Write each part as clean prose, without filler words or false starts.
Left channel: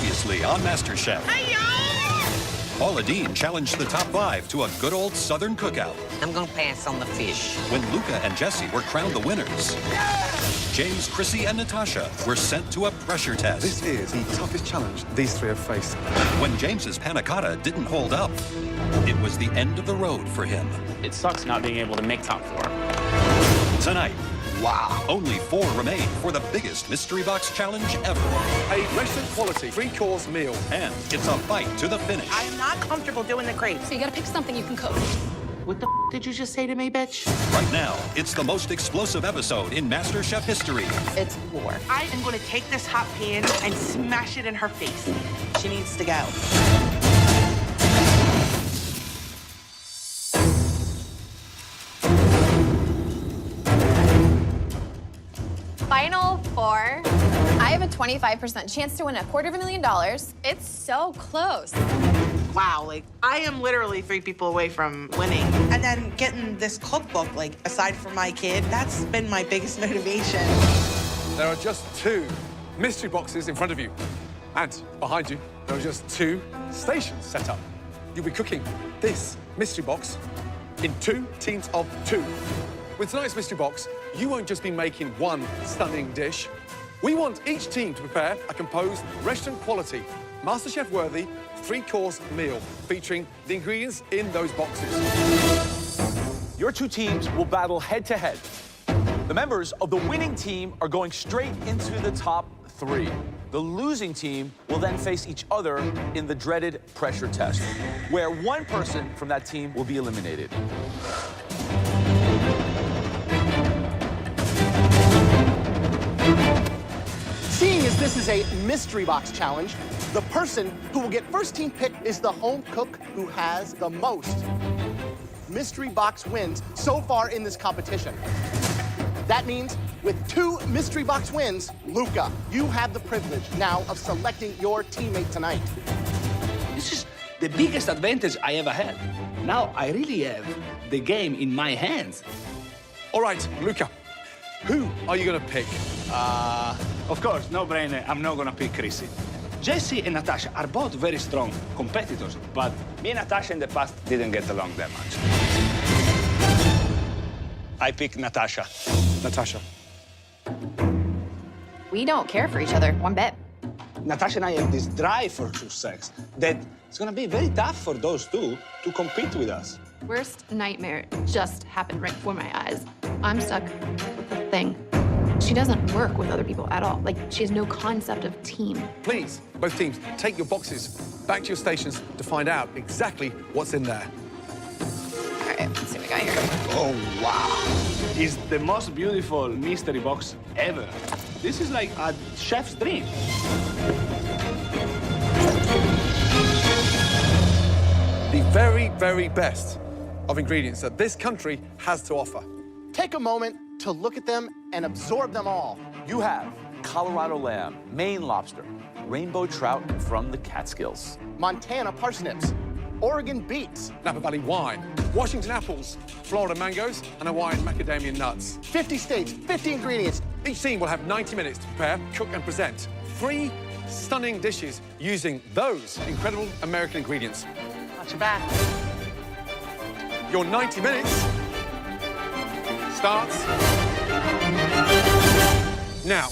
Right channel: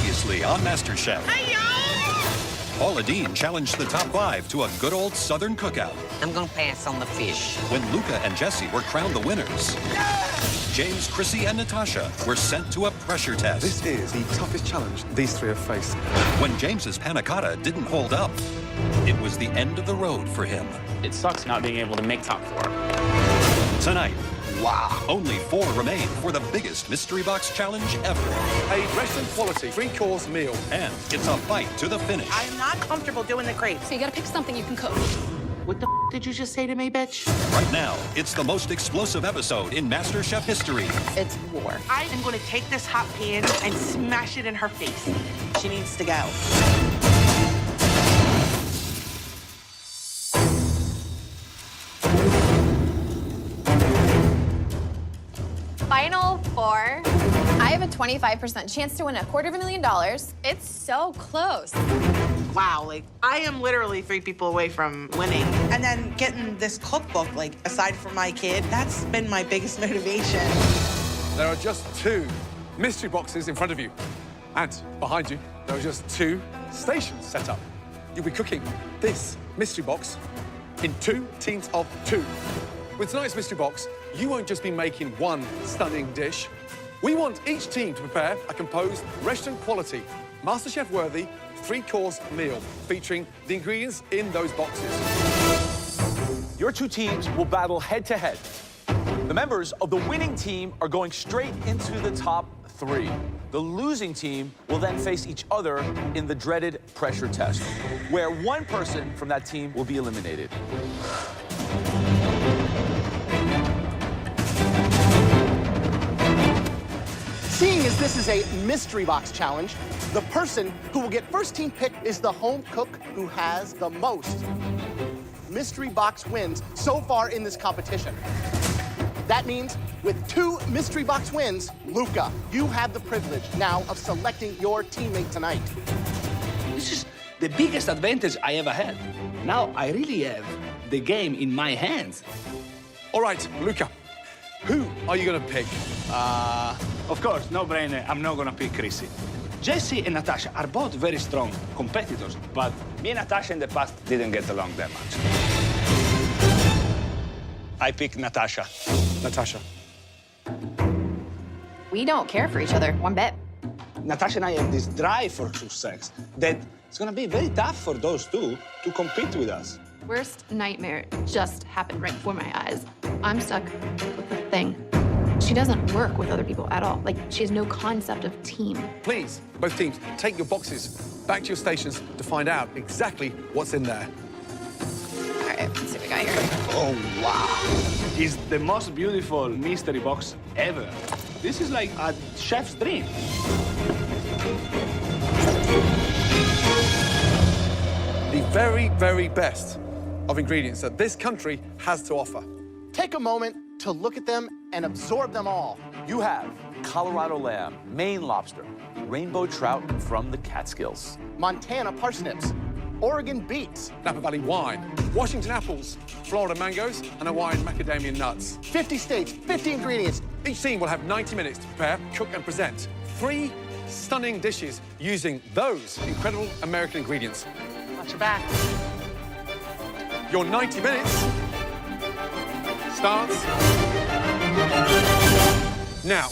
Previously on MasterChef. Paula Deen challenged the top 5 to a good old Southern cookout. I'm gonna pass on the fish. When Luca and Jesse were crowned the winners, James, Chrissy, and Natasha were sent to a pressure test. This is the toughest challenge these three have faced. When James's panna cotta didn't hold up, it was the end of the road for him. It sucks not being able to make top 4. Tonight, wow, only 4 remain for the biggest mystery box challenge ever. A restaurant-quality 3-course meal. And it's a fight to the finish. I am not comfortable doing the crepes. So you gotta pick something you can cook. What the did you just say to me, bitch? Right now, it's the most explosive episode in MasterChef history. It's war. I am going to take this hot pan and smash it in her face. She needs to go. Final 4. I have a 25% chance to win $250,000. It's so close. Wow, like, I am literally 3 people away from winning. And then getting this cookbook, like, aside from my kid, that's been my biggest motivation. There are just 2 mystery boxes in front of you. And behind you, there are just 2 stations set up. You'll be cooking this mystery box in 2 teams of 2. With tonight's mystery box, you won't just be making one stunning dish. We want each team to prepare a composed, restaurant-quality, MasterChef-worthy 3-course meal featuring the ingredients in those boxes. Your 2 teams will battle head-to-head. The members of the winning team are going straight into the top 3. The losing team will then face each other in the dreaded pressure test, where one person from that team will be eliminated. Seeing as this is a mystery box challenge, the person who will get first team pick is the home cook who has the most mystery box wins so far in this competition. That means with 2 mystery box wins, Luca, you have the privilege now of selecting your teammate tonight. This is the biggest advantage I ever had. Now I really have the game in my hands. All right, Luca, who are you going to pick? Of course, no brainer, I'm not gonna pick Chrissy. Jesse and Natasha are both very strong competitors, but me and Natasha in the past didn't get along that much. I pick Natasha. Natasha. We don't care for each other one bit. Natasha and I have this drive for success that it's gonna be very tough for those 2 to compete with us. Worst nightmare just happened right before my eyes. I'm stuck with a thing. She doesn't work with other people at all. Like, she has no concept of team. Please, both teams, take your boxes back to your stations to find out exactly what's in there. All right, let's see what we got here. Oh, wow. It's the most beautiful mystery box ever. This is like a chef's dream. The very, very best of ingredients that this country has to offer. Take a moment to look at them and absorb them all. You have Colorado lamb, Maine lobster, rainbow trout from the Catskills, Montana parsnips, Oregon beets, Napa Valley wine, Washington apples, Florida mangoes, and Hawaiian macadamia nuts. 50 states, 50 ingredients. Each team will have 90 minutes to prepare, cook, and present 3 stunning dishes using those incredible American ingredients. Watch your back. Your 90 minutes starts now.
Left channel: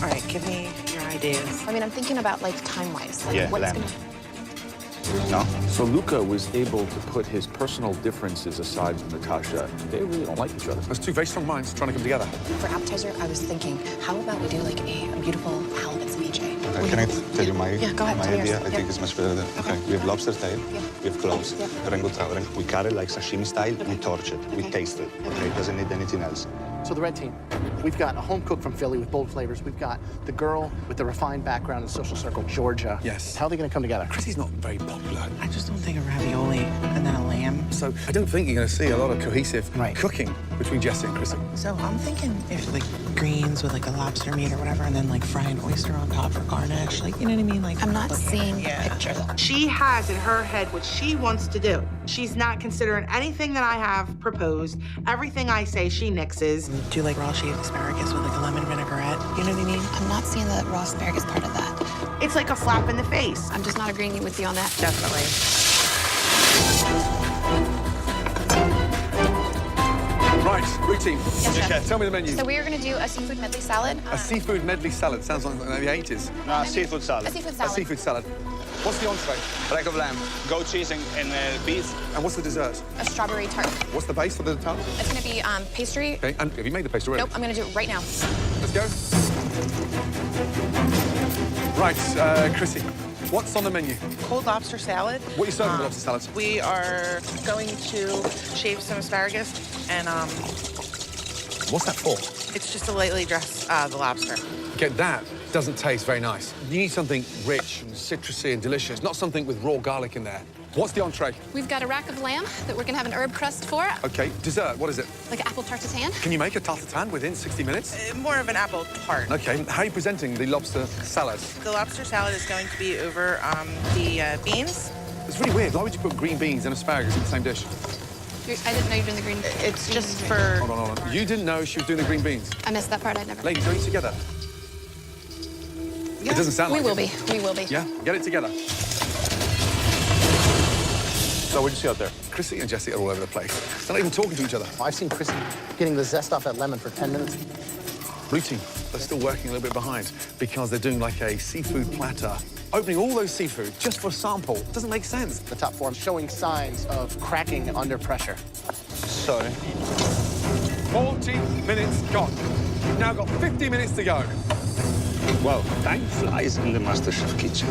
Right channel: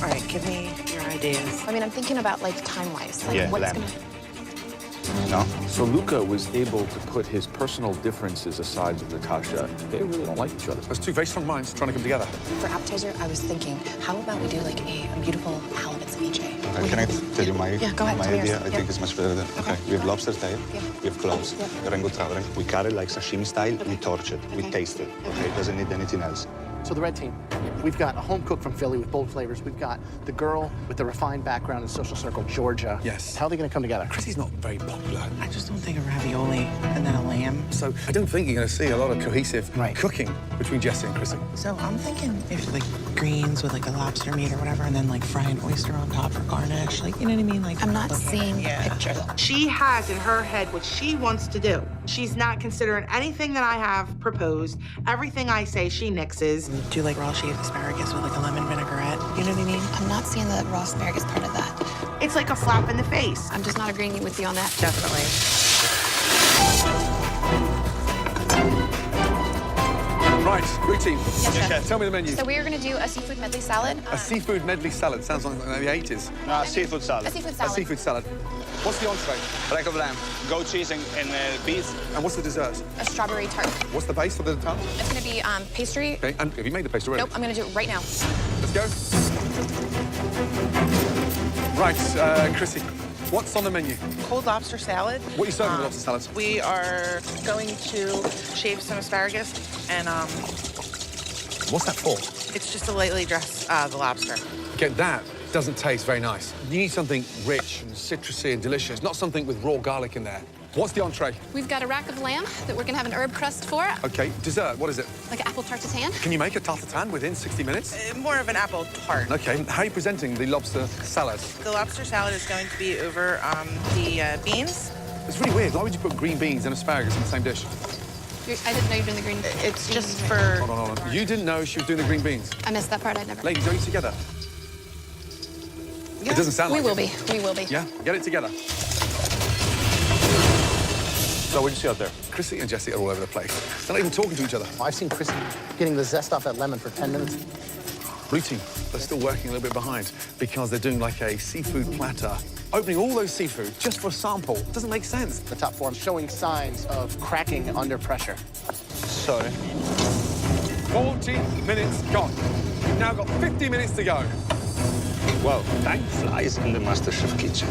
All right, give me your ideas. I mean, I'm thinking about, like, time-wise. Like, Yeah, what's lamb. gonna... No? So Luca was able to put his personal differences aside with Natasha. They really don't like each other. There's 2 very strong minds trying to come together. For appetizer, I was thinking, how about we do, like, a beautiful halibut ceviche? Can I tell you my, Yeah, go ahead, my tell me idea? yours. I think it's much better than... Okay, we have lobster tail, we have cloves, rainbow trout. We cut it like sashimi style, we torch it, we taste it, okay? It doesn't need anything else. So the red team, we've got a home cook from Philly with bold flavors. We've got the girl with the refined background in social circle, Georgia. Yes. How are they gonna come together? Chrissy's not very popular. I just don't think a ravioli and then a lamb. So I don't think you're going to see a lot of cohesive cooking between Jesse and Chrissy. So I'm thinking if like greens with like the lobster meat or whatever, and then like fry an oyster on top for garnish. Like, you know what I mean? Like, I'm not seeing the picture. She has in her head what she wants to do. She's not considering anything that I have proposed. Everything I say, she nixes. Do like raw shaved asparagus with like a lemon vinaigrette. You know what I mean? I'm not seeing the raw asparagus part of that. It's like a slap in the face. I'm just not agreeing with you on that. Definitely. Right, blue team. Yes, chef. Tell me the menu. So we are going to do a seafood medley salad. A seafood medley salad. Sounds like the 80s. No, seafood salad. A seafood A salad. seafood salad. What's the entree? Rack of lamb, goat cheese, and beef. And what's the dessert? A strawberry tart. What's the base for the tart? It's going to be pastry. Okay, and have you made the pastry already? Nope, I'm going to do it right now. Let's go. Right, Chrissy, what's on the menu? Cold lobster salad. What are you serving with lobster salads? We are going to shave some asparagus and What's that for? it's just to lightly dress the lobster. Okay, that doesn't taste very nice. You need something rich and citrusy and delicious, not something with raw garlic in there. What's the entree? We've got a rack of lamb that we're gonna have an herb crust for, Okay, dessert, what is it? like apple tart tatin. Can you make a tarte tatin within 60 minutes? More of an apple tart. Okay, how are you presenting the lobster salad? The lobster salad is going to be over the beans. It's really weird. Why would you put green beans and asparagus in the same dish? I didn't know you were doing the green. It's just for... Hold on. You didn't know she was doing the green beans. I missed that part. I never. Ladies, are you together? Yeah. It doesn't sound like We will it. be. We will be. Yeah, get it together. So what'd you see out there? Chrissy and Jessie are all over the place. They're not even talking to each other. I've seen Chrissy getting the zest off that lemon for 10 minutes. Blue team, they're still working a little bit behind because they're doing like a seafood platter. Opening all those seafood just for a sample doesn't make sense. The top four showing signs of cracking under pressure. Sorry. 40 minutes gone. You've now got 50 minutes to go. Well, time flies in the MasterChef kitchen.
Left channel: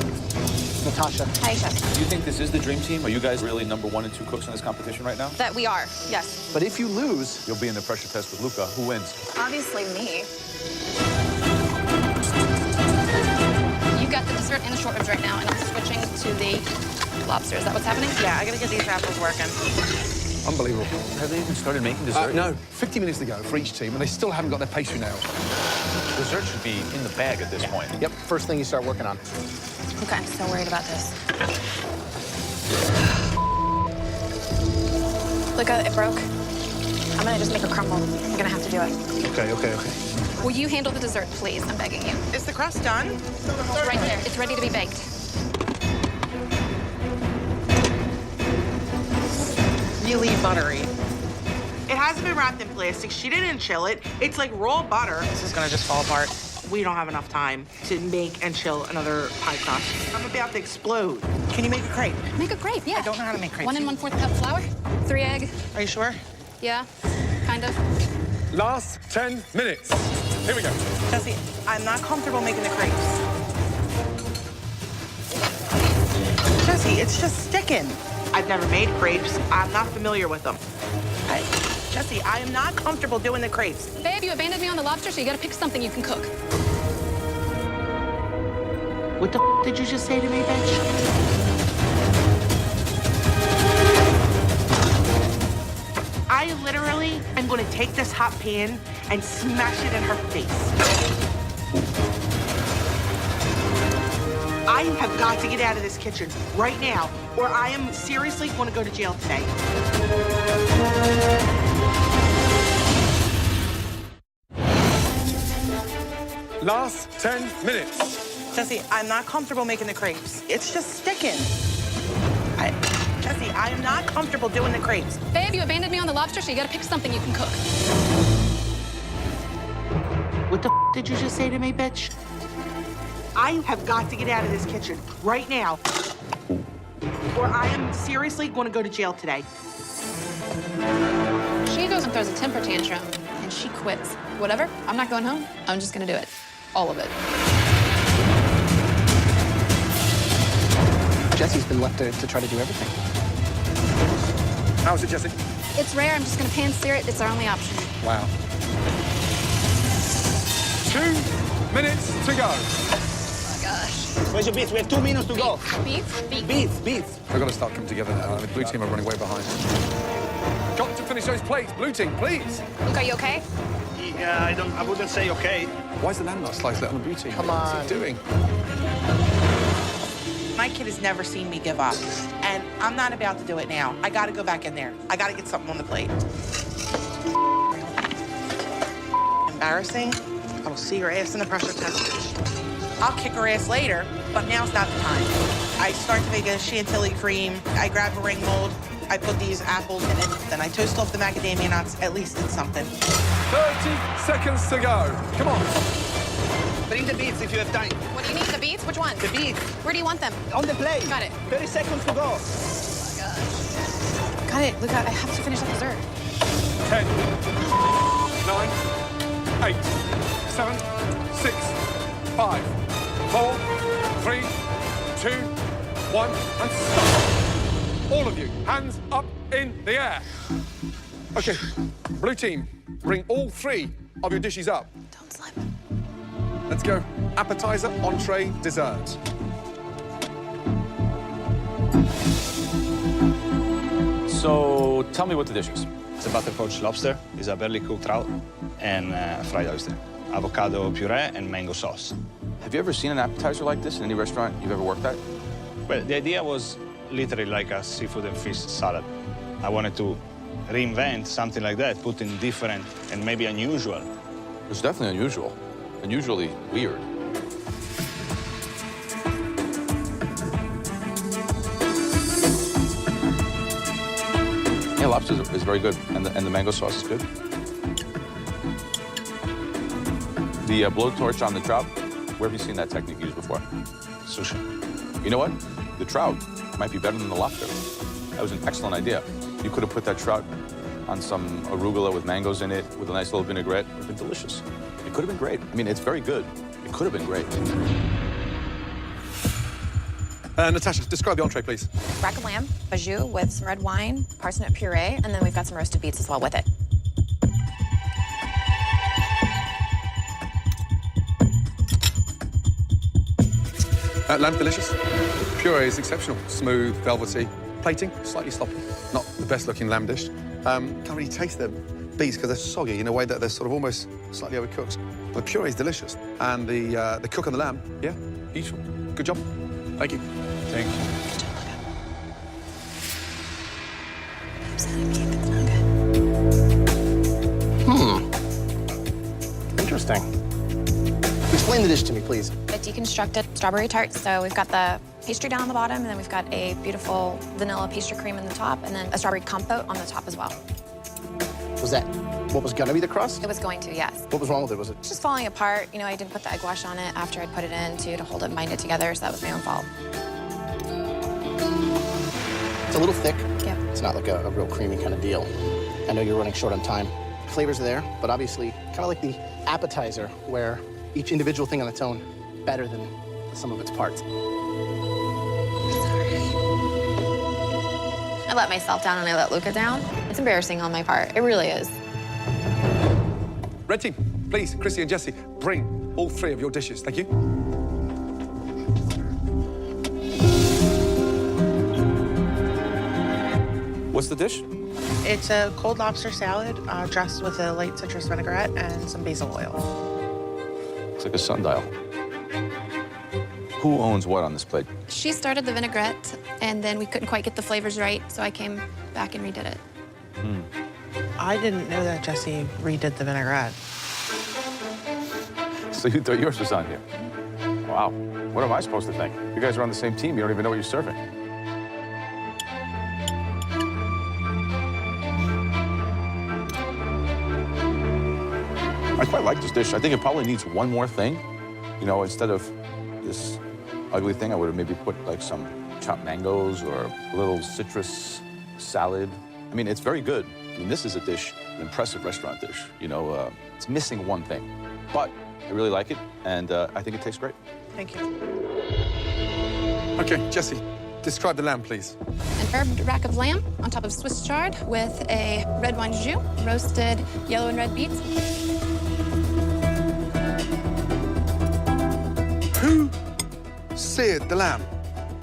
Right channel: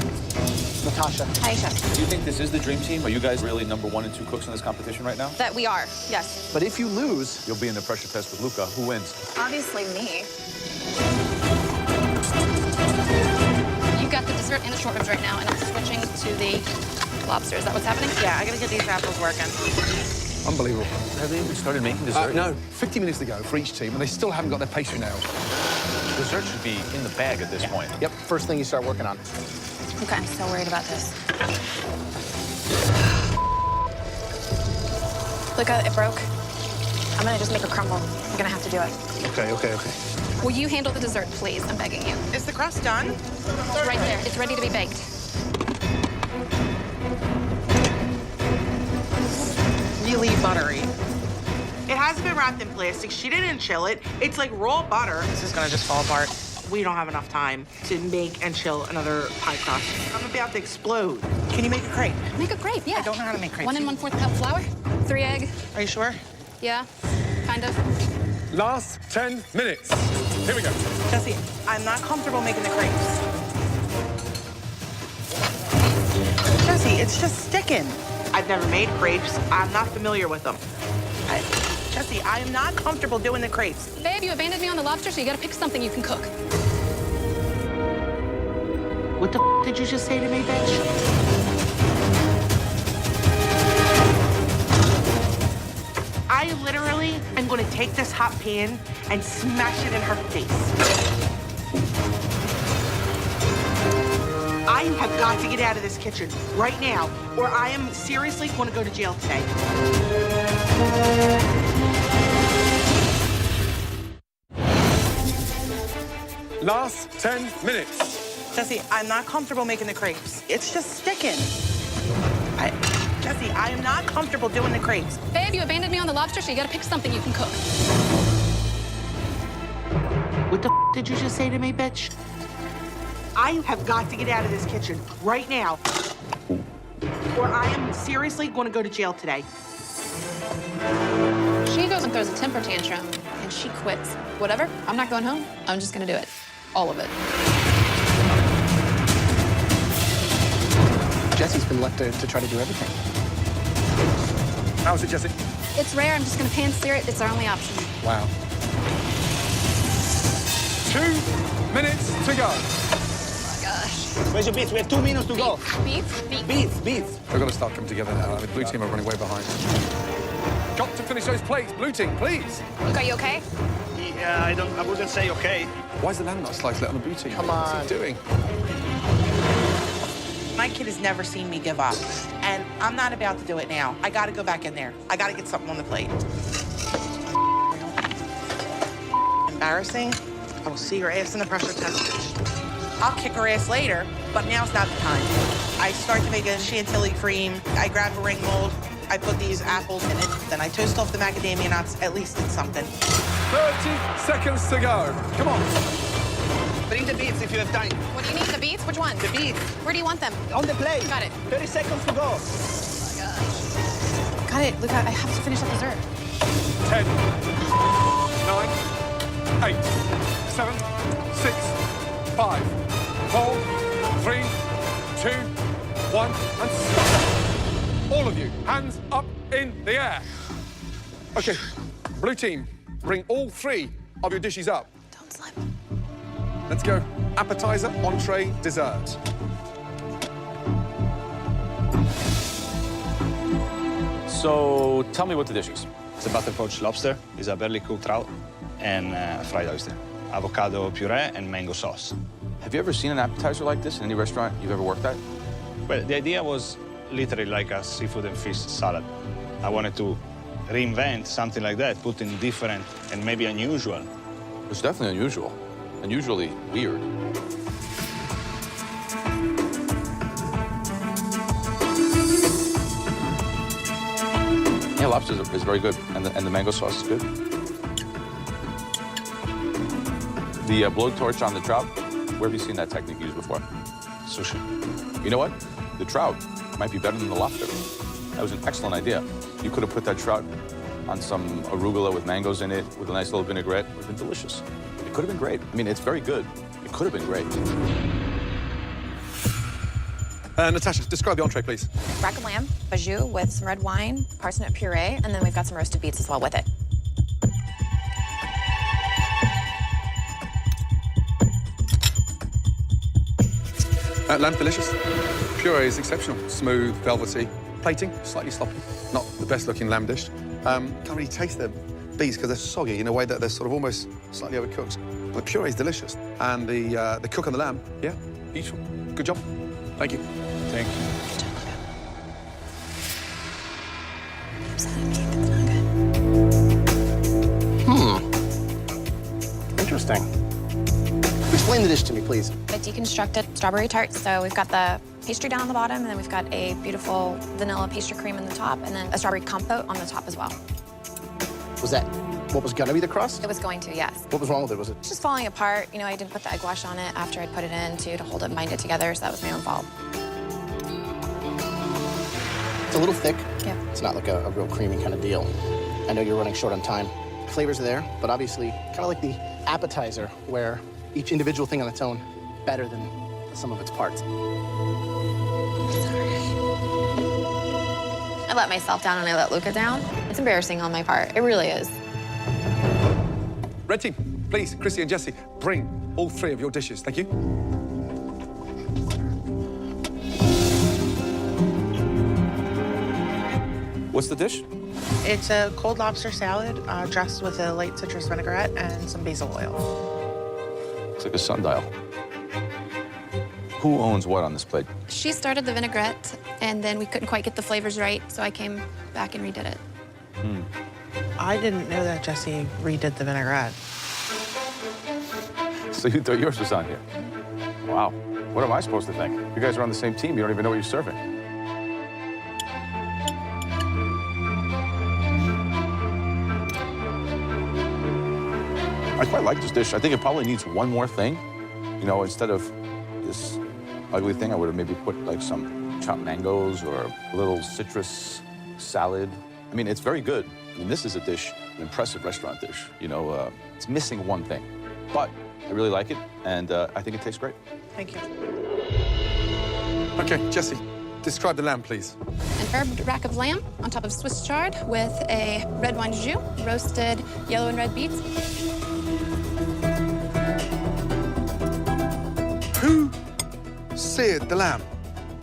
Natasha. Hi, chef. Do you think this is the dream team? Are you guys really number 1 and 2 cooks in this competition right now? That we are, yes. But if you lose, You'll be in the pressure test with Luca. Who wins? Obviously me. You've got the dessert and the short ribs right now, and I'm switching to the lobster. Is that what's happening? Yeah, I gotta get these apples working. Unbelievable. Have they even started making dessert? No, 50 minutes to go for each team, and they still haven't got their pastry nailed. Dessert should be in the bag at this point. yep, first thing you start working on. Okay, I'm so worried about this. Luca, it broke. I'm gonna just make a crumble. I'm gonna have to do it. Okay. Will you handle the dessert, please? I'm begging you. Is the crust done? It's right there. It's ready to be baked. Really buttery. It hasn't been wrapped in plastic. She didn't chill it. It's like raw butter. This is gonna just fall apart. We don't have enough time to make and chill another pie crust. I'm about to explode. Can you make a crepe? Make a crepe, yeah. I don't know how to make crepes. 1 1/4 cup flour, 3 egg. Are you sure? Yeah, kind of. Last 10 minutes. Here we go. Jessie, I'm not comfortable making the crepes. Jessie, it's just sticking. I've never made crepes. I'm not familiar with them. Jessie, I am not comfortable doing the crepes. Babe, you abandoned me on the lobster, so you gotta pick something you can cook. What the did you just say to me, bitch? I literally am gonna take this hot pan and smash it in her face. I have got to get out of this kitchen right now, or I am seriously gonna go to jail today. Last 10 minutes. Jessie, I'm not comfortable making the crepes. It's just sticking. Jessie, I am not comfortable doing the crepes. Babe, you abandoned me on the lobster, so you gotta pick something you can cook. What the did you just say to me, bitch? I have got to get out of this kitchen right now, or I am seriously going to go to jail today. She goes and throws a temper tantrum, and she quits. Whatever, I'm not going home. I'm just gonna do it. All of it. Jessie's been left to try to do everything. How's it, Jessie? It's rare. I'm just gonna pan sear it. It's our only option. Wow. 2 minutes to go. Oh my gosh. Where's your beets? We have 2 minutes to go. Beef? Beets. They've got to start coming together now. The blue team are running way behind. Got to finish those plates. Blue team, please. Luca, you okay? Yeah, I wouldn't say okay. Why is the lamb not sliced on the blue team? Come What's on. he doing? My kid has never seen me give up, and I'm not about to do it now. I got to go back in there. I got to get something on the plate. Embarrassing. I will see your ass in the pressure test. I'll kick her ass later. but now's not the time. I start to make a chantilly cream. I grab a ring mold. I put these apples in it. Then I toast off the macadamia nuts. At least it's something. 30 seconds to go. Come on. Bring the beets if you have time. What do you need? The beets? Which one? The beets. Where do you want them? On the plate. Got it. 30 seconds to go. Oh my gosh. Got it. Look, I have to finish that dessert. 10, 9, 8, 7, 6, 5, 4, 3, 2, 1, and stop. All of you, hands up in the air. Okay, blue team, bring all 3 of your dishes up. Don't slip. Let's go. Appetizer, entree, dessert. So tell me what the dish is. It's a butter poached lobster, it's a barely cooked trout, and fried oyster. Avocado puree and mango sauce. Have you ever seen an appetizer like this in any restaurant you've ever worked at? Well, the idea was literally like a seafood and fish salad. I wanted to reinvent something like that, put in different and maybe unusual. It's definitely unusual. Unusually weird. Yeah, lobster is very good, and the mango sauce is good. The blowtorch on the trout, where have you seen that technique used before? Sushi. You know what? The trout might be better than the lobster. That was an excellent idea. You could have put that trout on some arugula with mangoes in it, with a nice little vinaigrette. It would have been delicious. It could have been great. I mean, it's very good. It could have been great. Natasha, describe the entree, please. Rack of lamb, bajou with some red wine, parsnip puree, and then we've got some roasted beets as well with it. Lamb, delicious. Puree is exceptional. Smooth, velvety. Plating, slightly sloppy. Not the best-looking lamb dish. Can't really taste the beets because they're soggy in a way that they're sort of almost slightly overcooked. But the puree is delicious. And the cook on the lamb, yeah, beautiful. Good job. Thank you. Thank you. Good job, Luca. Interesting. Explain the dish to me, please. A deconstructed strawberry tart. So we've got the pastry down on the bottom, and then we've got a beautiful vanilla pastry cream on the top, and then a strawberry compote on the top as well. Was that what was gonna be the crust? It was going to, yes. What was wrong with it? Was it? It's just falling apart. You know, I didn't put the egg wash on it after I'd put it in to hold it and bind it together, so that was my own fault. It's a little thick. Yep. It's not like a real creamy kind of deal. I know you're running short on time. Flavors are there, but obviously kind of like the appetizer, where each individual thing on its own better than the sum of its parts. I let myself down and I let Luca down. It's embarrassing on my part. It really is. Red team, please, Chrissy and Jesse, bring all 3 of your dishes. Thank you. What's the dish? It's a cold lobster salad dressed with a light citrus vinaigrette and some basil oil. Looks like a sundial. Who owns what on this plate? She started the vinaigrette, and then we couldn't quite get the flavors right, so I came back and redid it. I didn't know that Jesse redid the vinaigrette. So you thought yours was on here? Wow. What am I supposed to think? You guys are on the same team. You don't even know what you're serving. I quite like this dish. I think it probably needs one more thing. You know, instead of this ugly thing, I would have maybe put like some chopped mangoes or a little citrus salad. I mean, it's very good. I mean, this is a dish, an impressive restaurant dish. You know, it's missing one thing, but I really like it, and I think it tastes great. Thank you. Okay, Jesse, describe the lamb, please. An herbed rack of lamb on top of Swiss chard with a red wine jus, roasted yellow and red beets. Who seared the lamb?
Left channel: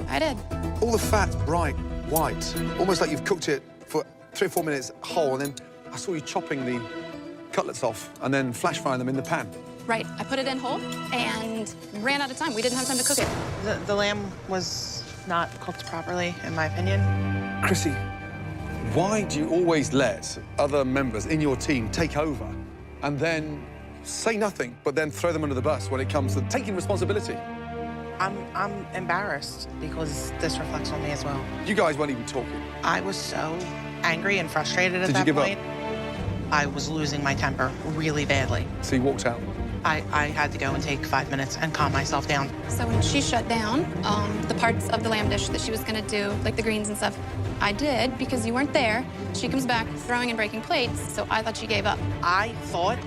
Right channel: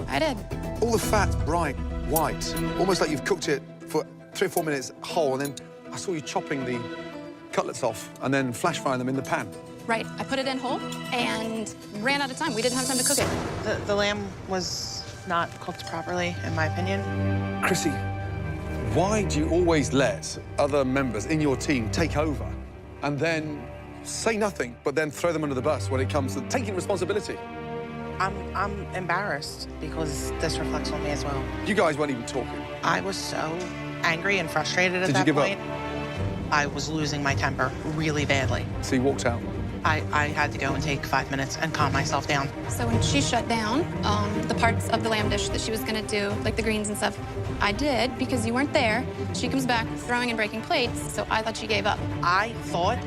I did. All the fat's bright white, almost like you've cooked it for 3 or 4 minutes whole, and then I saw you chopping the cutlets off and then flash frying them in the pan. Right. I put it in whole and ran out of time. We didn't have time to cook it. The lamb was not cooked properly, in my opinion. Chrissy, why do you always let other members in your team take over and then say nothing, but then throw them under the bus when it comes to taking responsibility? I'm embarrassed because this reflects on me as well. You guys weren't even talking. I was so angry and frustrated at Did you that give up? point. I was losing my temper really badly. So you walked out. I had to go and take 5 minutes and calm myself down. So when she shut down the parts of the lamb dish that she was gonna do, like the greens and stuff, I did because you weren't there. She comes back throwing and breaking plates, so I thought she gave up. I thought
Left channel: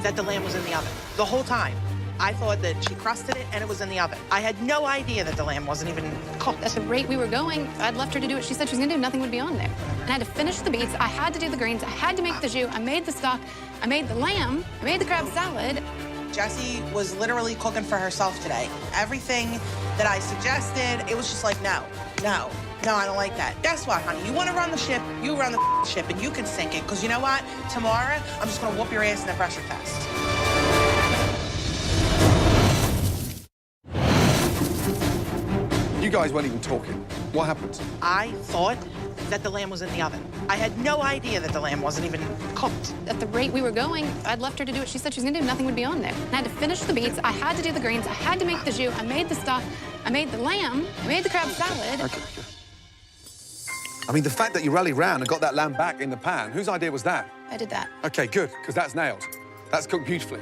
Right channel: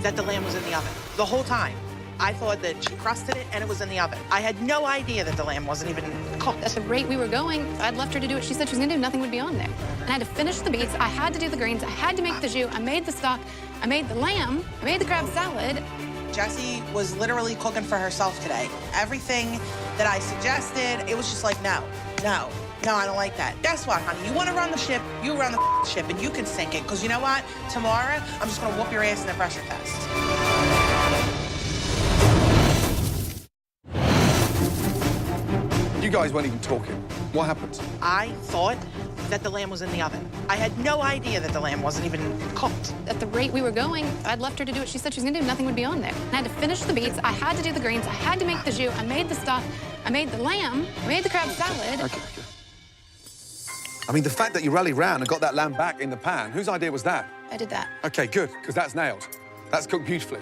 that the lamb was in the oven the whole time. I thought that she crusted it and it was in the oven. I had no idea that the lamb wasn't even cooked. At the rate we were going, if I'd left her to do what she said she was gonna do, nothing would be on there. And I had to finish the beets, I had to do the greens, I had to make the jus, I made the stock, I made the lamb, I made the crab salad. Jessie was literally cooking for herself today. Everything that I suggested, it was just like, no, no, no, I don't like that. Guess what, honey? You want to run the ship, you run the ship, and you can sink it. Because you know what? Tomorrow, I'm just going to whoop your ass in a pressure test. You guys weren't even talking. What happened? I thought that the lamb was in the oven. I had no idea that the lamb wasn't even cooked. At the rate we were going, if I'd left her to do what she said she was gonna do, nothing would be on there. And I had to finish the beets, I had to do the greens, I had to make the jus, I made the stock, I made the lamb, I made the crab salad. Okay. I mean, the fact that you rallied round and got that lamb back in the pan, whose idea was that? I did that. Okay, good, because that's nailed. That's cooked beautifully.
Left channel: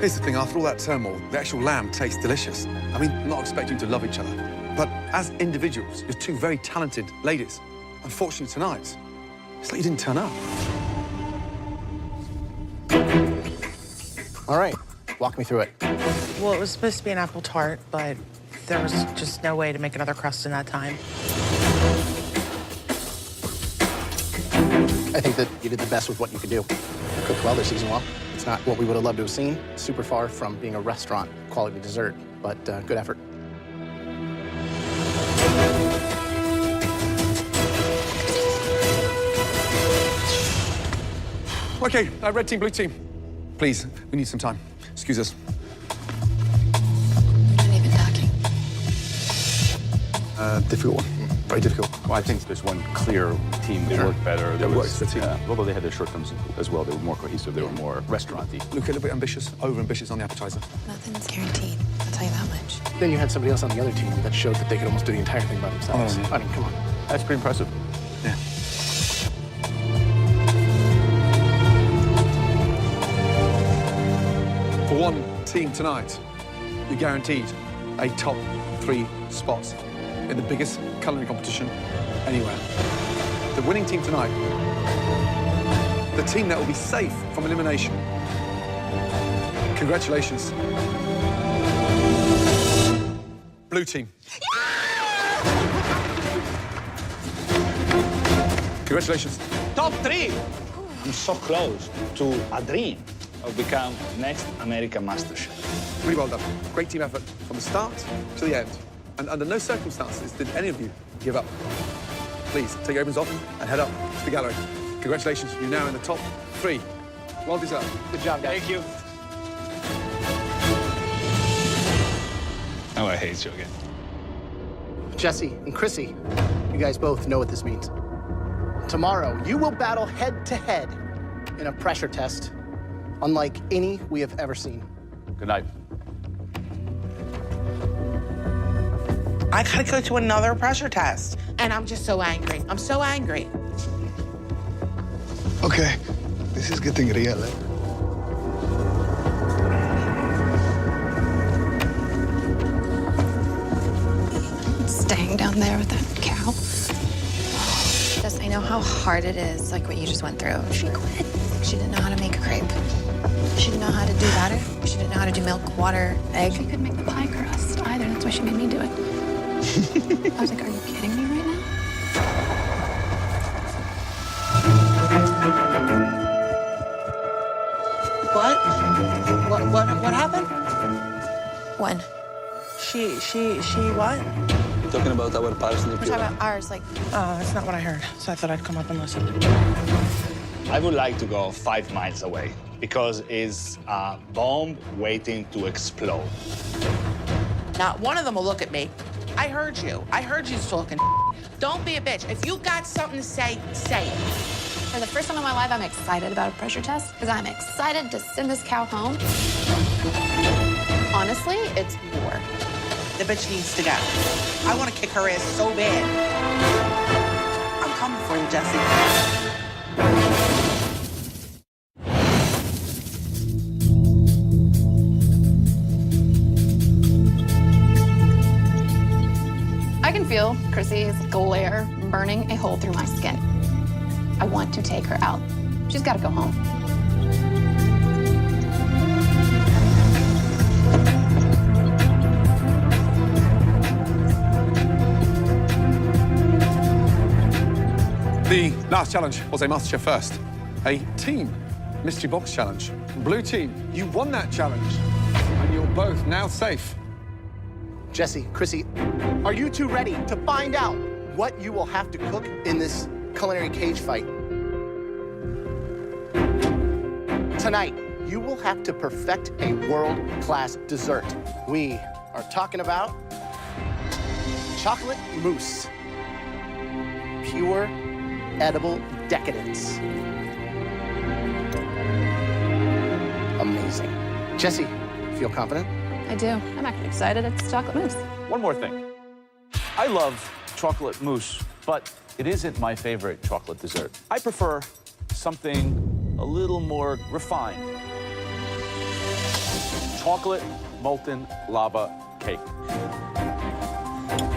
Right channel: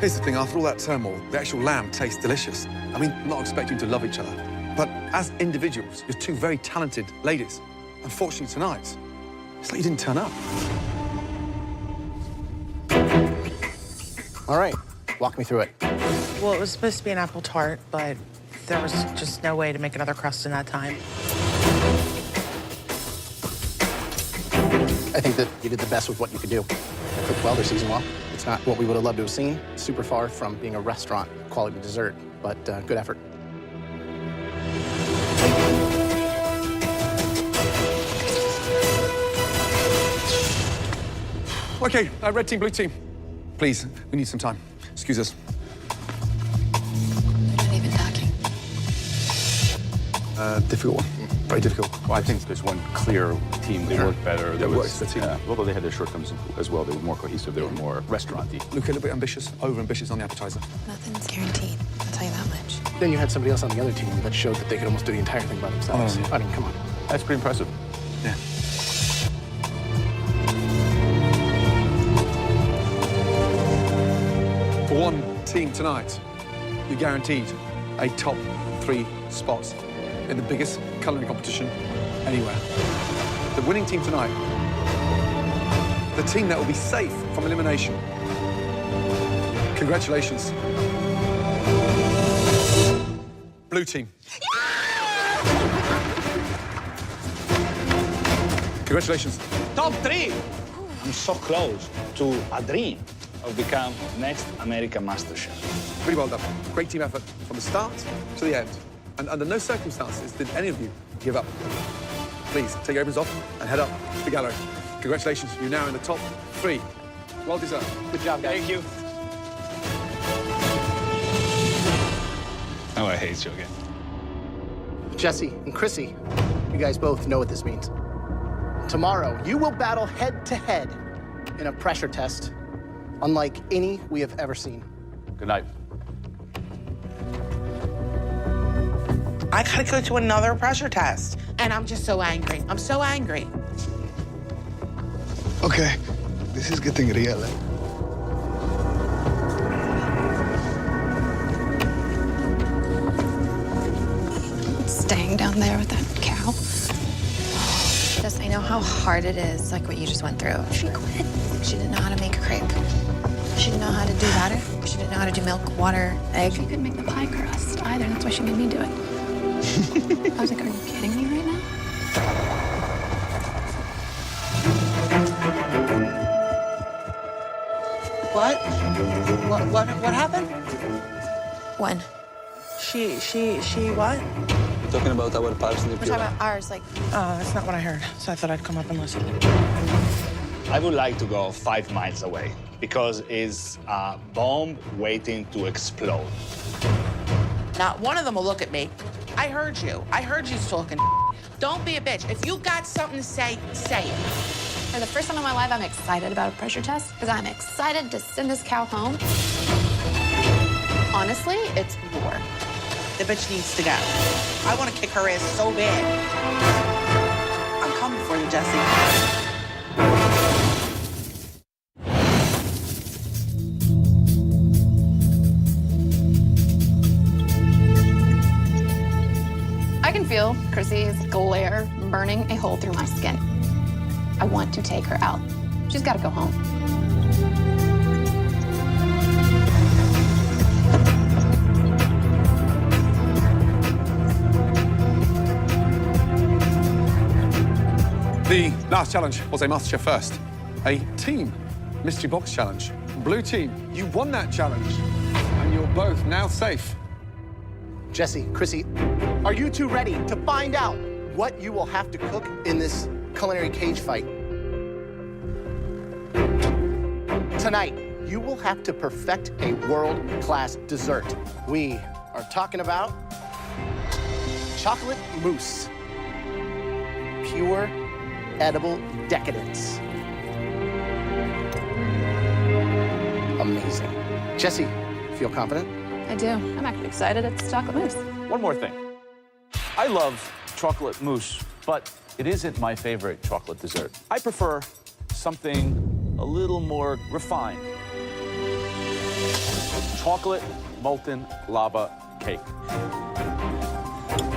Here's the thing, after all that turmoil, the actual lamb tastes delicious. I mean, I'm not expecting you to love each other, but as individuals, you're two very talented ladies. Unfortunately, tonight, it's like you didn't turn up. All right, walk me through it. Well, it was supposed to be an apple tart, but there was just no way to make another crust in that time. I think that you did the best with what you could do. They cooked well, they seasoned well. It's not what we would have loved to have seen. Super far from being a restaurant quality dessert, but good effort. Okay, red team, blue team. Please, we need some time. Excuse us. We're not even talking. Difficult one. Very difficult. Well, I think there's one clear team that worked better. That works, the team. Although they had their shortcomings as well, they were more cohesive, they were more restaurant-y. Look a little bit ambitious, over-ambitious on the appetizer. Nothing's guaranteed, I'll tell you that much. Then you had somebody else on the other team that showed that they could almost do the entire thing by themselves. I mean, come on. That's pretty impressive. Yeah. For one team tonight, you're guaranteed a top 3 spot in the biggest culinary competition anywhere. The winning team tonight, the team that will be safe from elimination. Congratulations. Blue team. Congratulations. Top 3! I'm so close to a dream of become next American Master Chef. Really well done. Great team effort from the start to the end. And under no circumstances did any of you give up. Please, take your aprons off and head up to the gallery. Congratulations, you're now in the top 3. Well deserved. Good job, guys. Thank you. Oh, I hate you again. Jessie and Chrissy, you guys both know what this means. Tomorrow, you will battle head-to-head in a pressure test unlike any we have ever seen. Good night. I gotta go to another pressure test. And I'm just so angry. I'm so angry. Okay, this is getting real, eh? Staying down there with that cow. Just, I know how hard it is, like what you just went through. She quit. She didn't know how to make a crepe. She didn't know how to do batter. She didn't know how to do milk, water, egg. She couldn't make the pie crust either. That's why she made me do it. I was like, are you kidding me right now? What happened? When? She what? We're talking about our parsley We're talking about ours, like, Oh, that's not what I heard. So I thought I'd come up and listen. I would like to go 5 miles away because it's a bomb waiting to explode. Not one of them will look at me. I heard you. I heard you talking. Don't be a bitch. If you got something to say, say it. For the first time in my life, I'm excited about a pressure test because I'm excited to send this cow home. Honestly, it's war. The bitch needs to go. I want to kick her ass so bad. I'm coming for you, Jessie. I can feel Chrissy's glare burning a hole through my skin. I want to take her out. She's got to go home. The last challenge was a MasterChef first, a team mystery box challenge. Blue team, you won that challenge, and you're both now safe. Jessie, Chrissy, are you two ready to find out what you will have to cook in this culinary cage fight? Tonight, you will have to perfect a world-class dessert. We are talking about chocolate mousse. Pure, edible decadence. Amazing. Jessie, feel confident? I do. I'm actually excited. It's chocolate mousse. One more thing. I love chocolate mousse, but it isn't my favorite chocolate dessert. I prefer something a little more refined. Chocolate molten lava cake.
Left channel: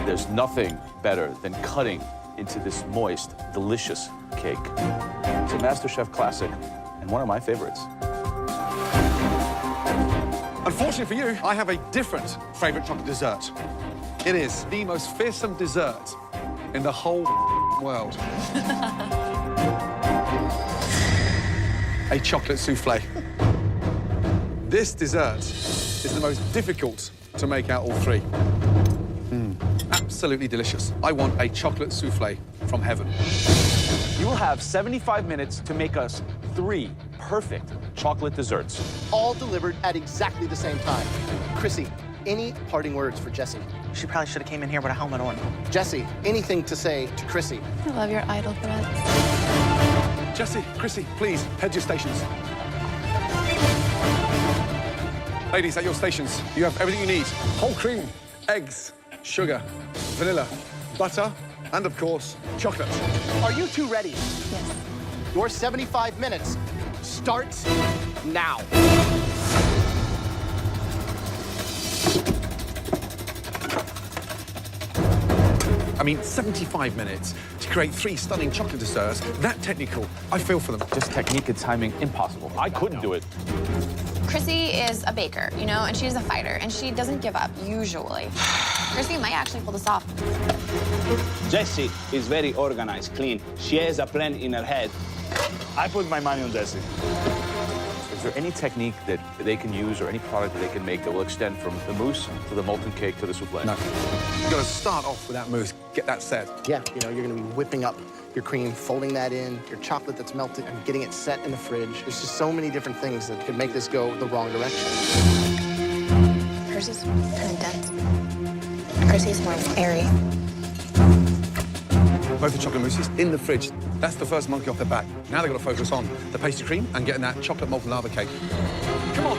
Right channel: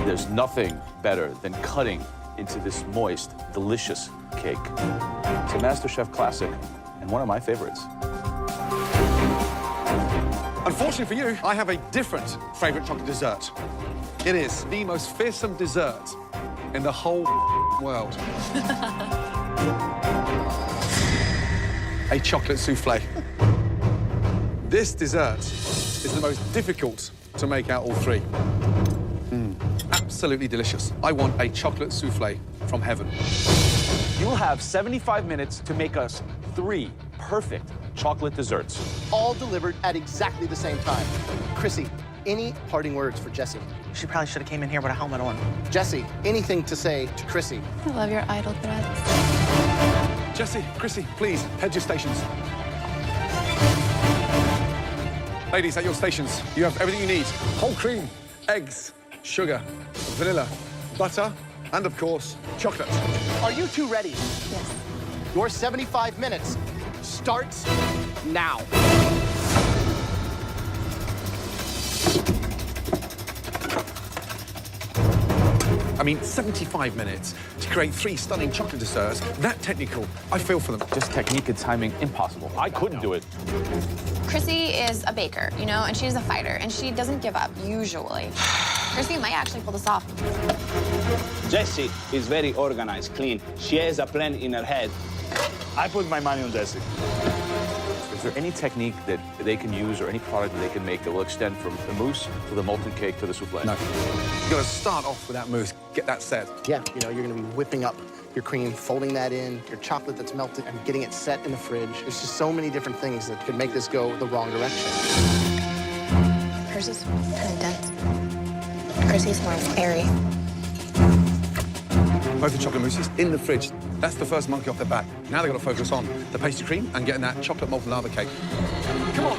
There's nothing better than cutting into this moist, delicious cake. It's a MasterChef classic and one of my favorites. Unfortunately for you, I have a different favorite chocolate dessert. It is the most fearsome dessert in the whole world. A chocolate souffle. This dessert is the most difficult to make out all three. Absolutely delicious. I want a chocolate souffle from heaven. You will have 75 minutes to make us 3 perfect chocolate desserts. All delivered at exactly the same time. Chrissy, any parting words for Jessie? She probably should have came in here with a helmet on. Jessie, anything to say to Chrissy? I love your idle threats. Jessie, Chrissy, please, head your stations. Ladies, at your stations, you have everything you need. Whole cream, eggs, sugar, vanilla, butter, and of course, chocolate. Are you two ready? Yes. Your 75 minutes starts now. I mean, 75 minutes to create 3 stunning chocolate desserts, that technical, I feel for them. Just technique and timing, impossible. I couldn't do it. Chrissy is a baker, you know, and she's a fighter, and she doesn't give up, usually. Chrissy might actually pull this off. Jessie is very organized, clean. She has a plan in her head. I put my money on Jessie. Is there any technique that they can use or any product that they can make that will extend from the mousse to the molten cake to the souffle? No. You gotta start off with that mousse, get that set. Yeah, you know, you're gonna be whipping up your cream, folding that in, your chocolate that's melted, and getting it set in the fridge. There's just so many different things that could make this go the wrong direction. Hers is kind of dense. Chrissy's more airy. Both the chocolate mousses in the fridge. That's the first monkey off their back. Now they've got to focus on the pastry cream and getting that chocolate molten lava cake. Come on.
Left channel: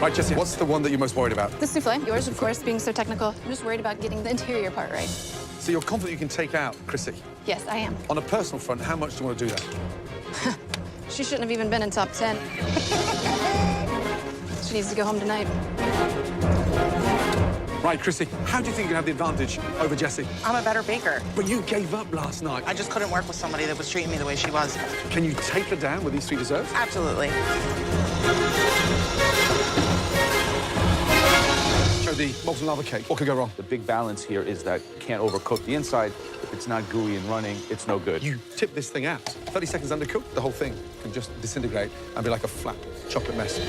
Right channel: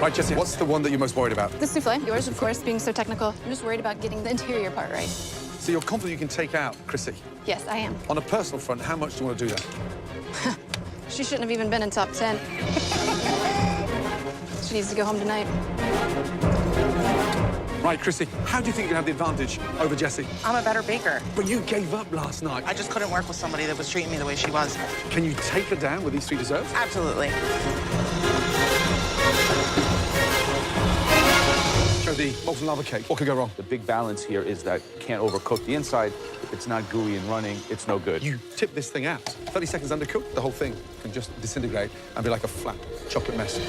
Right, Jessie, what's the one that you're most worried about? The souffle. Yours, of course, being so technical. I'm just worried about getting the interior part right. So you're confident you can take out Chrissy? Yes, I am. On a personal front, how much do you want to do that? She shouldn't have even been in top 10. She needs to go home tonight. Right, Chrissy, how do you think you can have the advantage over Jessie? I'm a better baker. But you gave up last night. I just couldn't work with somebody that was treating me the way she was. Can you take her down with these 3 desserts? Absolutely. Show the molten lava cake. What could go wrong? The big balance here is that you can't overcook the inside. If it's not gooey and running, it's no good. You tip this thing out. 30 seconds undercooked, the whole thing can just disintegrate and be like a flat chocolate mess.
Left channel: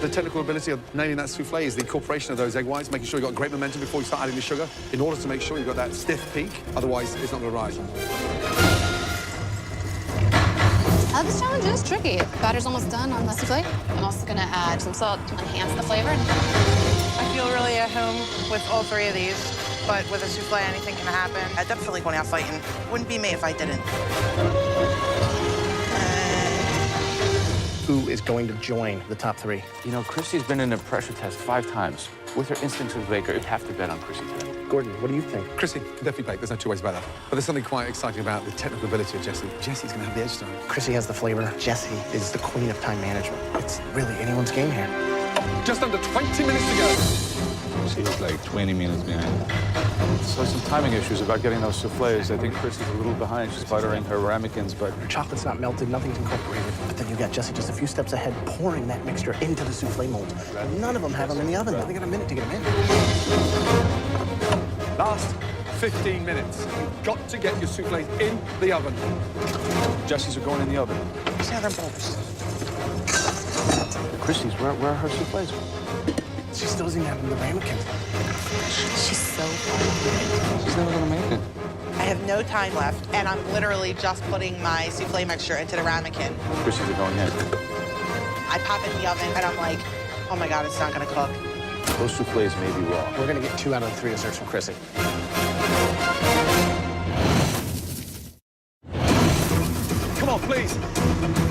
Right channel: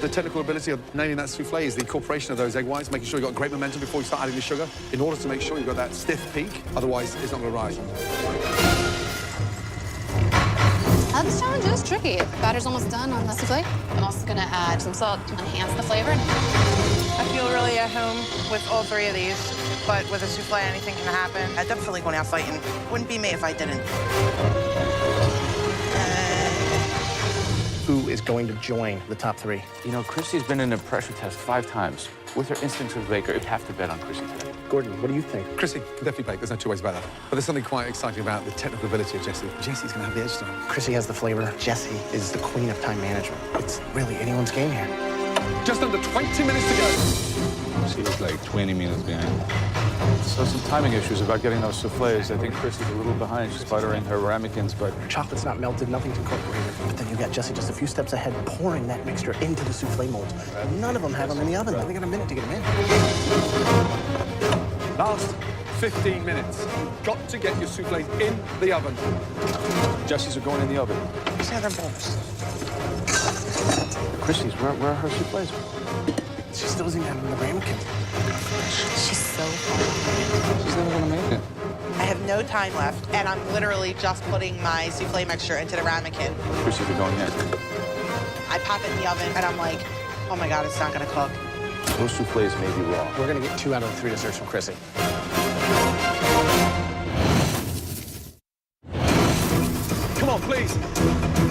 The technical ability of nailing that souffle is the incorporation of those egg whites, making sure you've got great momentum before you start adding the sugar, in order to make sure you've got that stiff peak. Otherwise, it's not going to rise. This challenge is tricky. Batter's almost done on the souffle. I'm also gonna add some salt to enhance the flavor. I feel really at home with all 3 of these, but with a souffle, anything can happen. I definitely going out fighting. Wouldn't be me if I didn't. who is going to join the top 3. You know, Chrissy's been in a pressure test 5 times. With her instincts as a baker, you'd have to bet on Chrissy today. Gordon, what do you think? Chrissy can definitely bake. There's no 2 ways about that. But there's something quite exciting about the technical ability of Jessie. Jessie's going to have the edge to her. Chrissy has the flavor. Jessie is the queen of time management. It's really anyone's game here. Just under 20 minutes to go. She's like 20 minutes behind. So some timing issues about getting those soufflés. I think Chrissy's a little behind. She's buttering her ramekins, but... Her chocolate's not melted, nothing's incorporated. But then you got Jessie just a few steps ahead, pouring that mixture into the soufflé molds. None of them have them in the oven. They got a minute to get them in. Last 15 minutes. You've got to get your soufflés in the oven. Jessie's are going in the oven. Where's the other bowls? Chrissy's, where are her soufflés? She still doesn't even have them in the ramekin. She's so far behind. She's never gonna make it. I have no time left, and I'm literally just putting my souffle mixture into the ramekin. Chrissy's are going in. I pop it in the oven, and I'm like, oh my God, it's not gonna cook. Those soufflés may be raw. We're gonna get 2 out of the 3 desserts from Chrissy. Come on, please.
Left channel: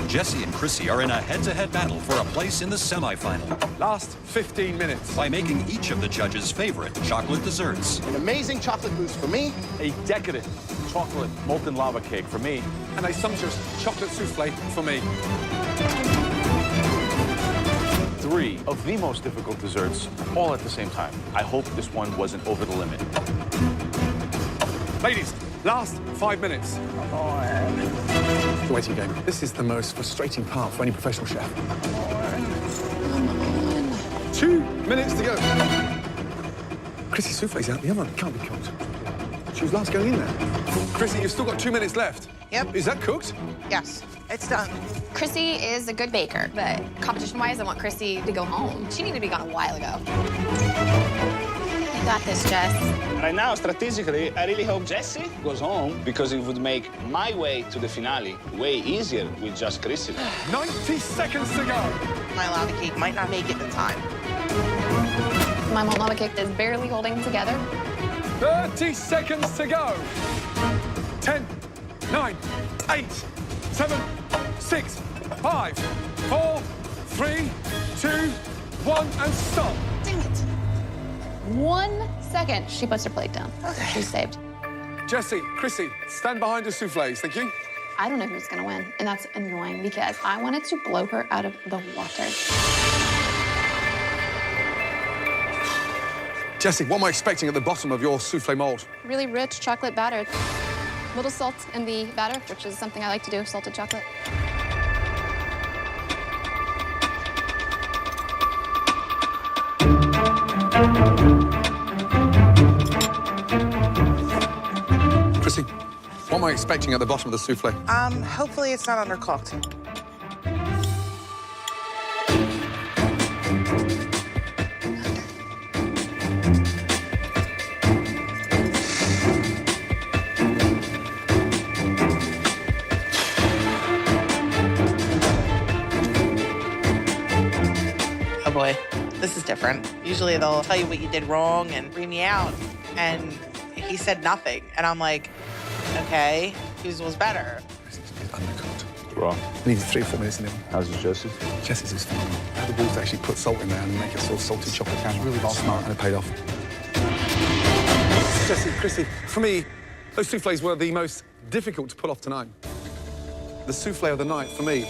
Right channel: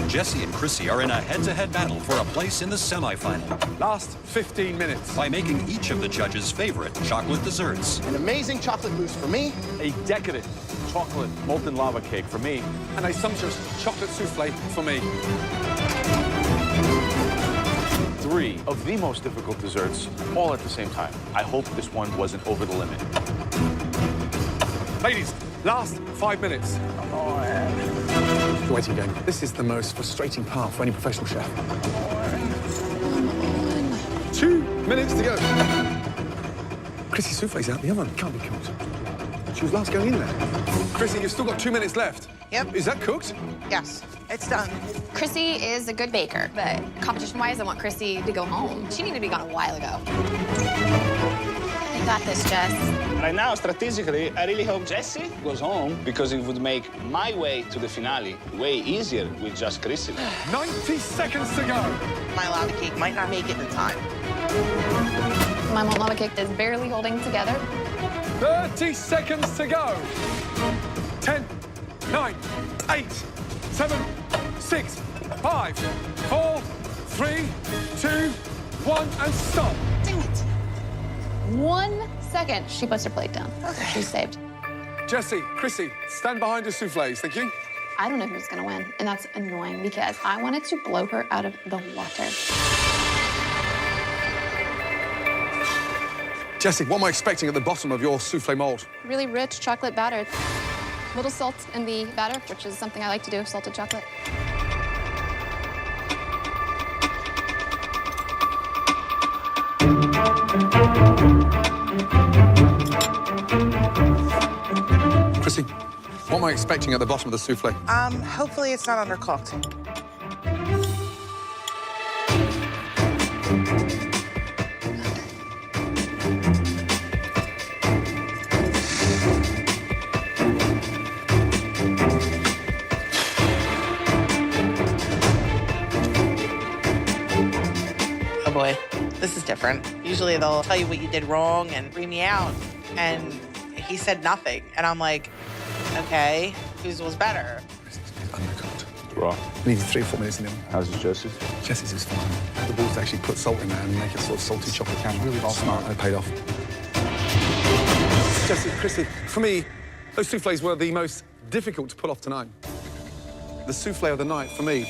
Jessie and Chrissy are in a head-to-head battle for a place in the semifinal. Last 15 minutes. By making each of the judges' favorite chocolate desserts. An amazing chocolate mousse for me. A decadent chocolate molten lava cake for me. And a sumptuous chocolate souffle for me. 3 of the most difficult desserts, all at the same time. I hope this one wasn't over the limit. Ladies, last 5 minutes. Come on. The waiting game. This is the most frustrating part for any professional chef. Come on. 2 minutes to go. Chrissy's souffle's out the oven. Can't be cooked. She was last going in there. Chrissy, you've still got 2 minutes left. Yep. Is that cooked? Yes, it's done. Chrissy is a good baker, but competition-wise, I want Chrissy to go home. She needed to be gone a while ago. You got this, Jess. Right now, strategically, I really hope Jessie goes home because it would make my way to the finale way easier with just Chrissy. 90 seconds to go. My lava cake might not make it in time. My molten lava cake is barely holding together. 30 seconds to go. 10, 9, 8, 7, 6, 5, 4, 3, 2, 1, and stop. Damn it. 1 second. She puts her plate down. Okay. She's saved. Jessie, Chrissy, stand behind your soufflés. Thank you. I don't know who's gonna win, and that's annoying because I wanted to blow her out of the water. Jessie, what am I expecting at the bottom of your souffle mold? Really rich chocolate batter. Little salt in the batter, which is something I like to do, salted chocolate. Chrissy, what am I expecting at the bottom of the souffle? Hopefully it's not undercooked. Oh boy, this is different. Usually they'll tell you what you did wrong and bring me out, and he said nothing. And I'm like, okay, whose was better? It's undercooked. Raw. We need 3 or 4 minutes in the oven. How's it, Jessie? Jessie's is phenomenal. How the balls to actually put salt in there and make a sort of salty chocolate caramel. Really well smart, and it paid off. Jessie, Chrissy, for me, those soufflés were the most difficult to pull off tonight. The souffle of the night, for me,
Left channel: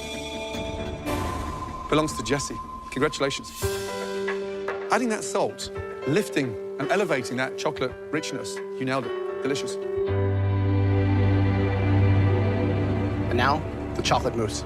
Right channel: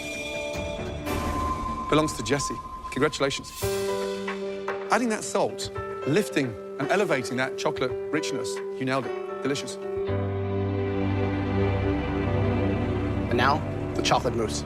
belongs to Jessie. Congratulations. Adding that salt, lifting and elevating that chocolate richness, you nailed it. Delicious. And now, the chocolate mousse.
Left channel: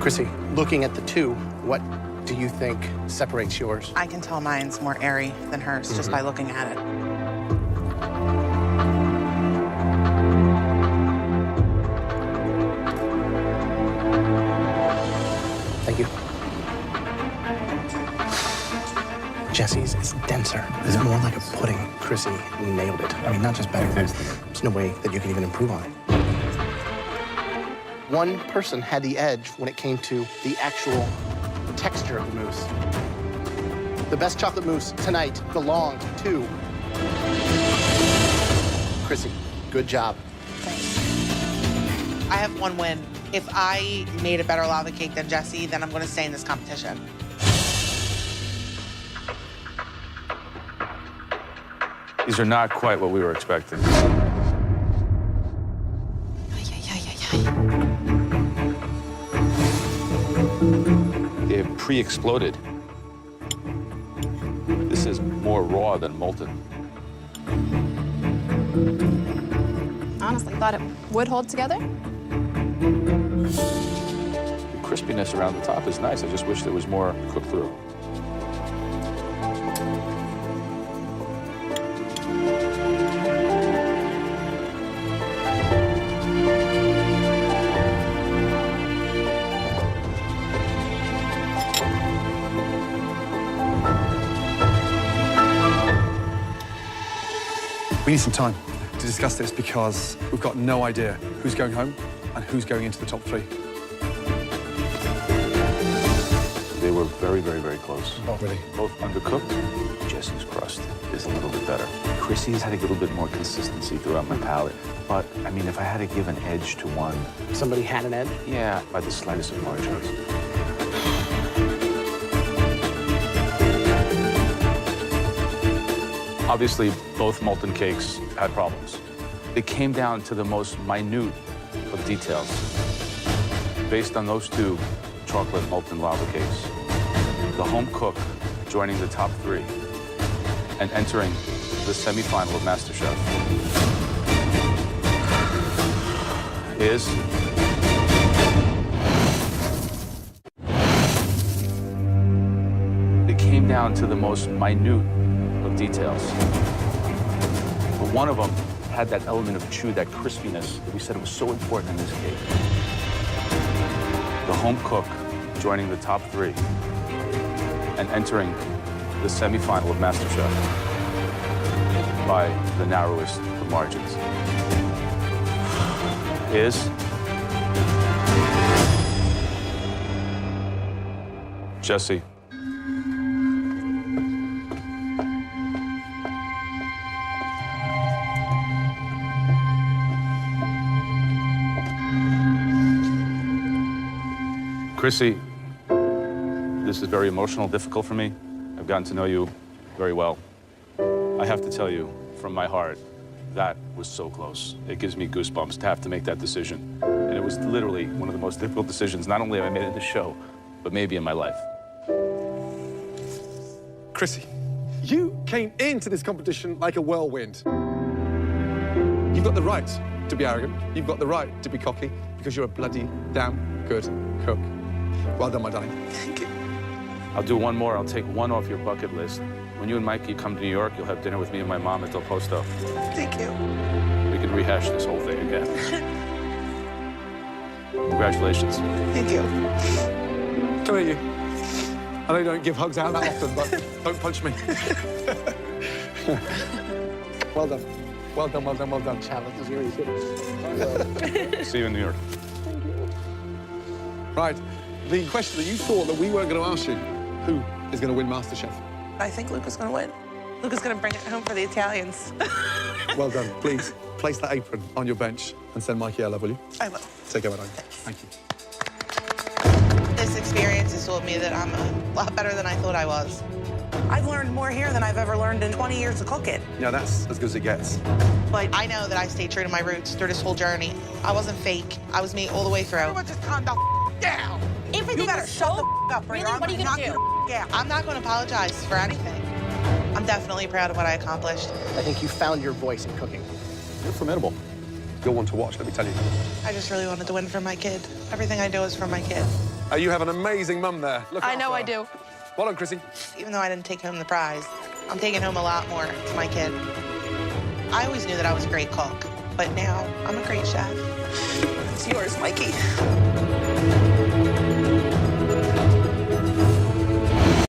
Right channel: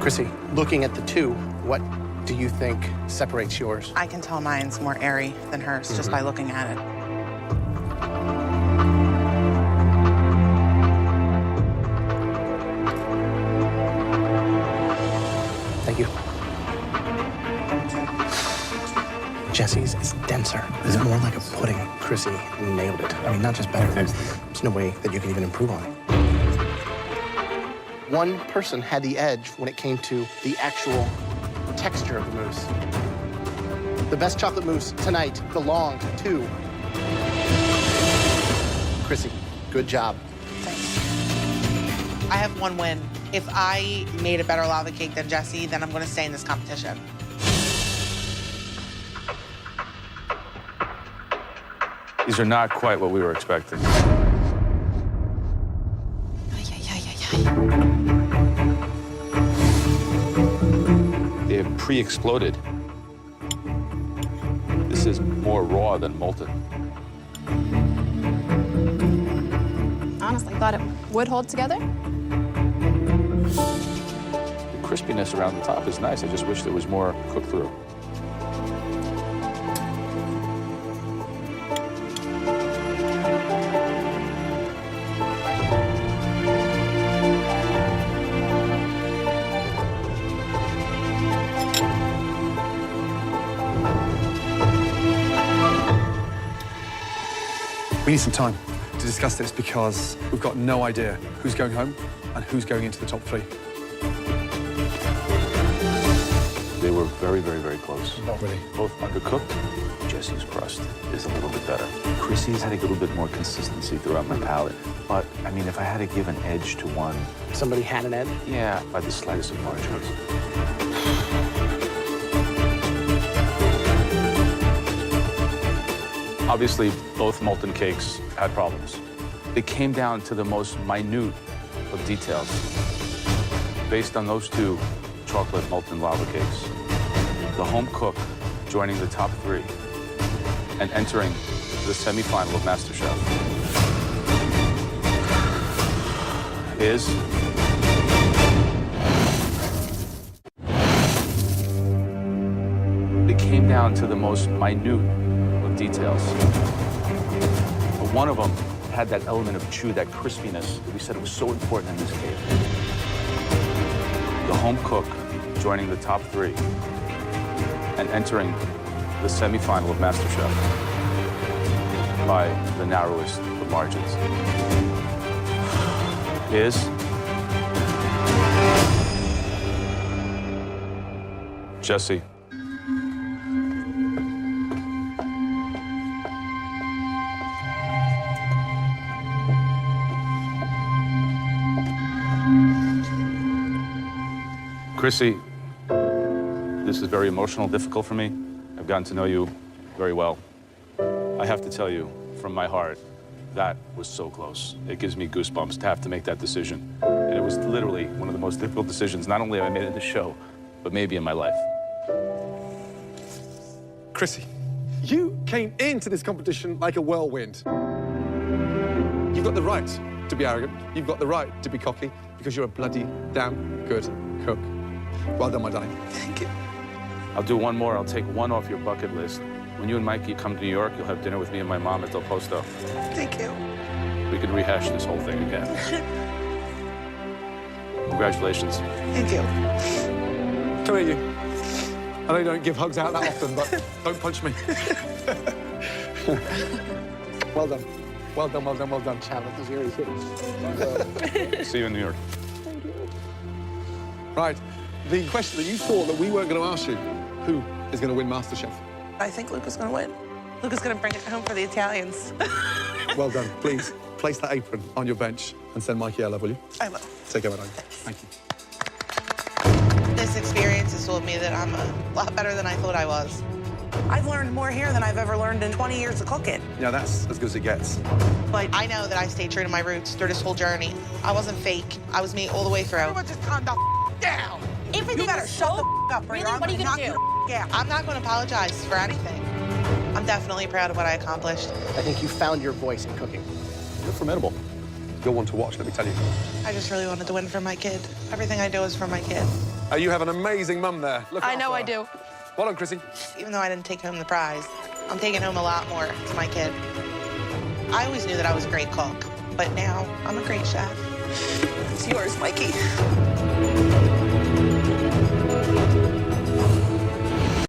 Chrissy, looking at the 2, what do you think separates yours? I can tell mine's more airy than hers just by looking at it. Thank you. Jesse's is denser. It's more like a pudding. Chrissy nailed it. I mean, not just better. There's no way that you can even improve on it. One person had the edge when it came to the actual texture of the mousse. The best chocolate mousse tonight belonged to Chrissy. Good job. Thanks. I have one win. If I made a better lava cake than Jesse, then I'm going to stay in this competition. These are not quite what we were expecting. They're pre-exploded. This is more raw than molten. Honestly, thought it would hold together. The crispiness around the top is nice. I just wish there was more cooked through. We need some time to discuss this because we've got no idea who's going home and who's going into the top 3. They were very, very, very close. Oh, really? Both undercooked. Jesse's crust is a little bit better. Chrissy's had a little bit more consistency throughout my palate. But, I mean, if I had to give an edge to one... Somebody had an edge? Yeah, by the slightest of margins. Obviously, both molten cakes had problems. It came down to the most minute of details. Based on those 2 chocolate molten lava cakes, the home cook joining the top 3 and entering the semifinal of MasterChef is... It came down to the most minute of details. But one of them had that element of chew, that crispiness that we said it was so important in this cake. The home cook joining the top 3 and entering the semifinal of MasterChef by the narrowest of margins is Jesse. Chrissy, this is very emotional, difficult for me. I've gotten to know you very well. I have to tell you, from my heart, that was so close. It gives me goosebumps to have to make that decision. And it was literally one of the most difficult decisions, not only have I made it in the show, but maybe in my life. Chrissy, you came into this competition like a whirlwind. You've got the right to be arrogant. You've got the right to be cocky because you're a bloody damn good cook. Well done, my darling. Thank you. I'll do one more. I'll take one off your bucket list. When you and Mikey come to New York, you'll have dinner with me and my mom at Del Posto. Thank you. We can rehash this whole thing again. Congratulations. Thank you. Come here, you. I know you don't give hugs out that often, but don't punch me. Well done. Well done, well done, well done. Chad, those earrings. See you in New York. Thank you. Right. The question that you thought that we weren't going to ask you, who is going to win MasterChef? I think Luca's going to win. Luca's going to bring it home for the Italians. Well done. Please place that apron on your bench and send Mikey a love, will you? I will. Take care, madam. Thank you. This experience has told me that I'm a lot better than I thought I was. I've learned more here than I've ever learned in 20 years of cooking. Yeah, that's as good as it gets. But I know that I stayed true to my roots through this whole journey. I wasn't fake. I was me all the way through. Everyone just calm the down. Everything You better was shut so... the up, or Really? I'm What are you knock gonna do? you out. I'm not going to apologize for anything. I'm definitely proud of what I accomplished. I think you found your voice in cooking. You're formidable. You're one to watch, let me tell you. I just really wanted to win for my kid. Everything I do is for my kid. You have an amazing mum there. Look I know after I her. do. Well done, Chrissy. Even though I didn't take home the prize, I'm taking home a lot more to my kid. I always knew that I was a great cook, but now I'm a great chef. It's yours, Mikey.